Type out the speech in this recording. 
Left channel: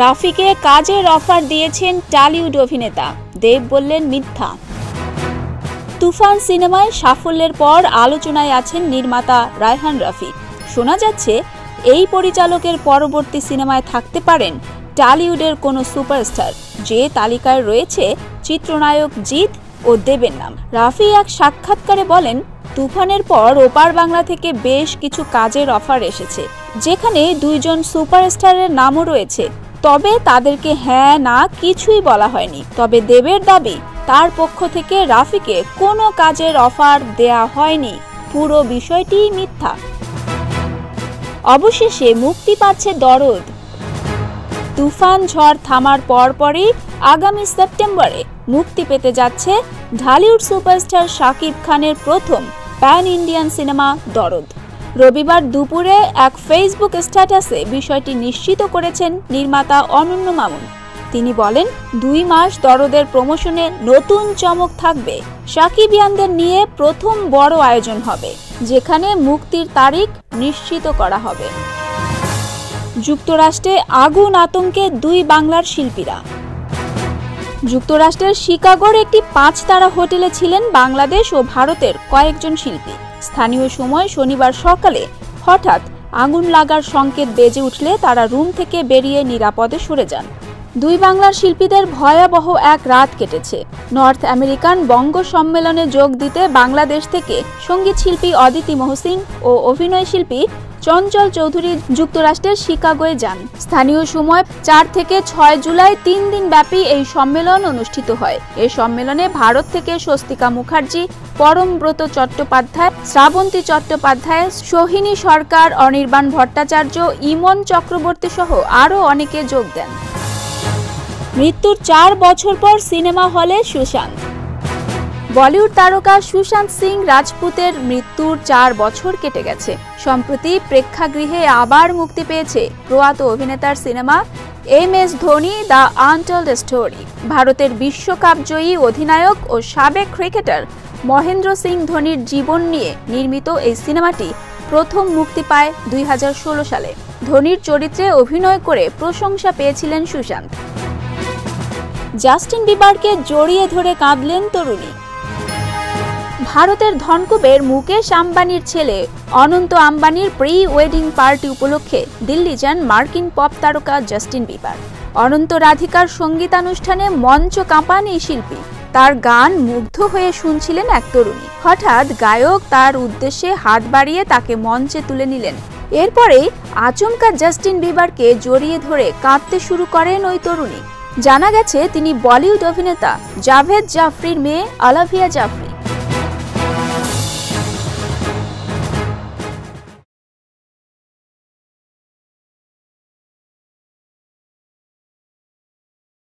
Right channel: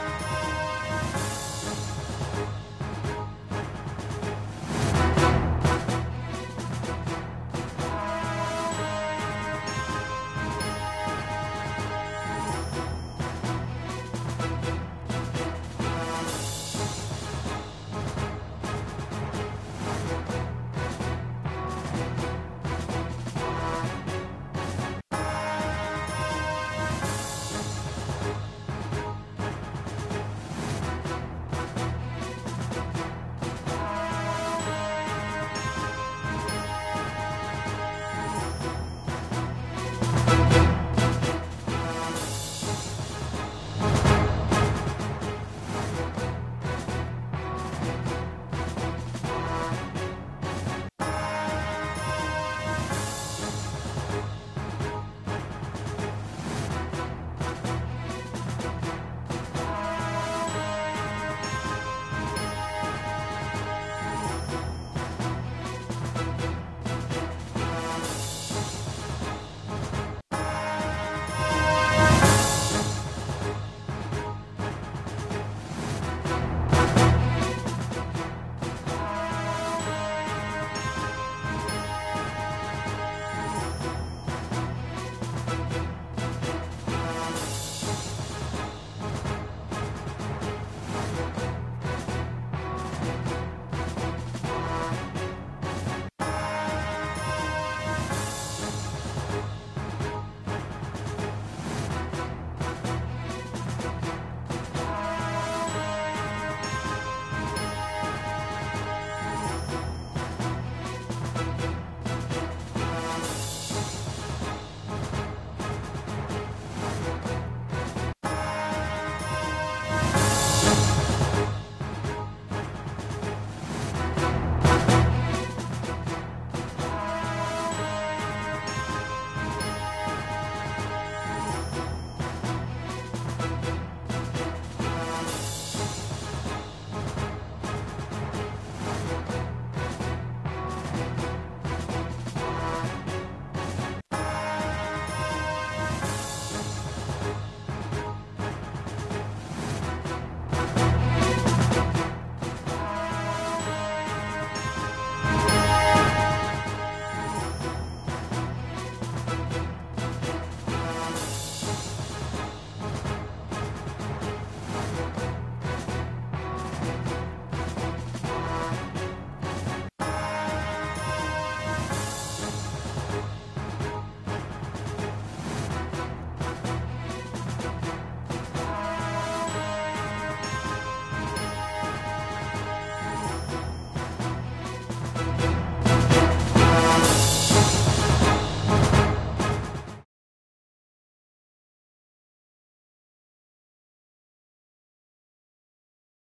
রাফিকে কাজের অফার দিয়েছেন টলিউড অভিনেতা, দেব বললেন মিথ্যা। তুফান সিনেমায় সাফল্যের পর আলোচনায় আছেন নির্মাতা রায়হান রাফি। শোনা যাচ্ছে এই পরিচালকের পরবর্তী সিনেমায় থাকতে পারেন টলিউডের কোনো সুপারস্টার, যে তালিকায় রয়েছে চিত্রনায়ক জিৎ ও দেবের নাম। রাফি এক সাক্ষাৎকারে বলেন, তুফানের পর ওপার বাংলা থেকে বেশ কিছু কাজের অফার এসেছে, যেখানে দুইজন সুপারস্টারের নামও রয়েছে, তবে তাদেরকে হ্যাঁ না কিছুই বলা হয়নি। তবে দেবের দাবি, তার পক্ষ থেকে রাফিকে কোনো কাজের অফার দেয়া হয়নি, পুরো বিষয়টি মিথ্যা। অবশেষে মুক্তি পাচ্ছে দরদ। তুফান ঝড় থামার পরপরই আগামী সেপ্টেম্বরে মুক্তি পেতে যাচ্ছে ঢালিউড সুপারস্টার শাকিব খানের প্রথম প্যান ইন্ডিয়ান সিনেমা দরদ। রবিবার দুপুরে এক ফেসবুক স্ট্যাটাসে বিষয়টি নিশ্চিত করেছেন নির্মাতা অনন্য মামুন। তিনি বলেন, 2 মাস দরদের প্রমোশনে নতুন চমক থাকবে। শাকিবিয়ানদের নিয়ে প্রথম বড় আয়োজন হবে, যেখানে মুক্তির তারিখ নিশ্চিত করা হবে। যুক্তরাষ্ট্রে আগুন আতঙ্কে 2 বাংলার শিল্পীরা। যুক্তরাষ্ট্রের শিকাগোর একটি 5 তারা হোটেলে ছিলেন বাংলাদেশ ও ভারতের কয়েকজন শিল্পী। স্থানীয় সময় শনিবার সকালে হঠাৎ আগুন লাগার সংকেত বেজে উঠলে তারা রুম থেকে বেরিয়ে নিরাপদে সরে যান। 2 বাংলার শিল্পীদের ভয়াবহ এক রাত কেটেছে। নর্থ আমেরিকান বঙ্গ সম্মেলনে যোগ দিতে বাংলাদেশ থেকে সঙ্গীত শিল্পী অদিতি মহসিন ও অভিনয় শিল্পী চঞ্চল চৌধুরী যুক্তরাষ্ট্রের শিকাগোয় যান। স্থানীয় সময় 4 থেকে 6 জুলাই 3 দিন ব্যাপী এই সম্মেলন অনুষ্ঠিত হয়। এই সম্মেলনে ভারত থেকে স্বস্তিকা মুখার্জি, পরমব্রত চট্টোপাধ্যায়, শ্রাবন্তী চট্টোপাধ্যায়, সোহিনী সরকার, অনির্বাণ ভট্টাচার্য, ইমন চক্রবর্তী সহ আরও অনেকে যোগ দেন। মৃত্যুর 4 বছর পর সিনেমা হলে সুশান্ত। বলিউড তারকা সুশান্ত সিং রাজপুতের মৃত্যুর 4 বছর কেটে গেছে। সম্প্রতি প্রেক্ষাগৃহে আবার মুক্তি পেয়েছে প্রয়াত অভিনেতার cinema MS Dhoni the untold story. ভারতের বিশ্বকাপ জয়ী অধিনায়ক ও সাবেক ক্রিকেটার মহেন্দ্র সিং ধোনির জীবন নিয়ে নির্মিত এই সিনেমাটি প্রথম মুক্তি পায় 2016 সালে। ধোনির চরিত্রে অভিনয় করে প্রশংসা পেয়েছিলেন সুশান্ত। জাস্টিন বিবারকে জড়িয়ে ধরে কাঁদলেন তরুণী। ভারতের ধনকুবের মুকেশ আম্বানির ছেলে অনন্ত আম্বানির প্রি ওয়েডিং পার্টি উপলক্ষে দিল্লি যান মার্কিন পপ তারকা জাস্টিন বিবার। অনন্ত রাধিকার সঙ্গীতানুষ্ঠানে মঞ্চ কাঁপান এই শিল্পী। তার গান মুগ্ধ হয়ে শুনছিলেন এক তরুণী। হঠাৎ গায়ক তার উদ্দেশ্যে হাত বাড়িয়ে তাকে মঞ্চে তুলে নিলেন। এরপরে আচমকা জাস্টিন বিবারকে জড়িয়ে ধরে কাঁদতে শুরু করেন ওই তরুণী। জানা গেছে তিনি বলিউড অভিনেতা জাভেদ জাফরির মেয়ে আলাভিয়া জাফরি।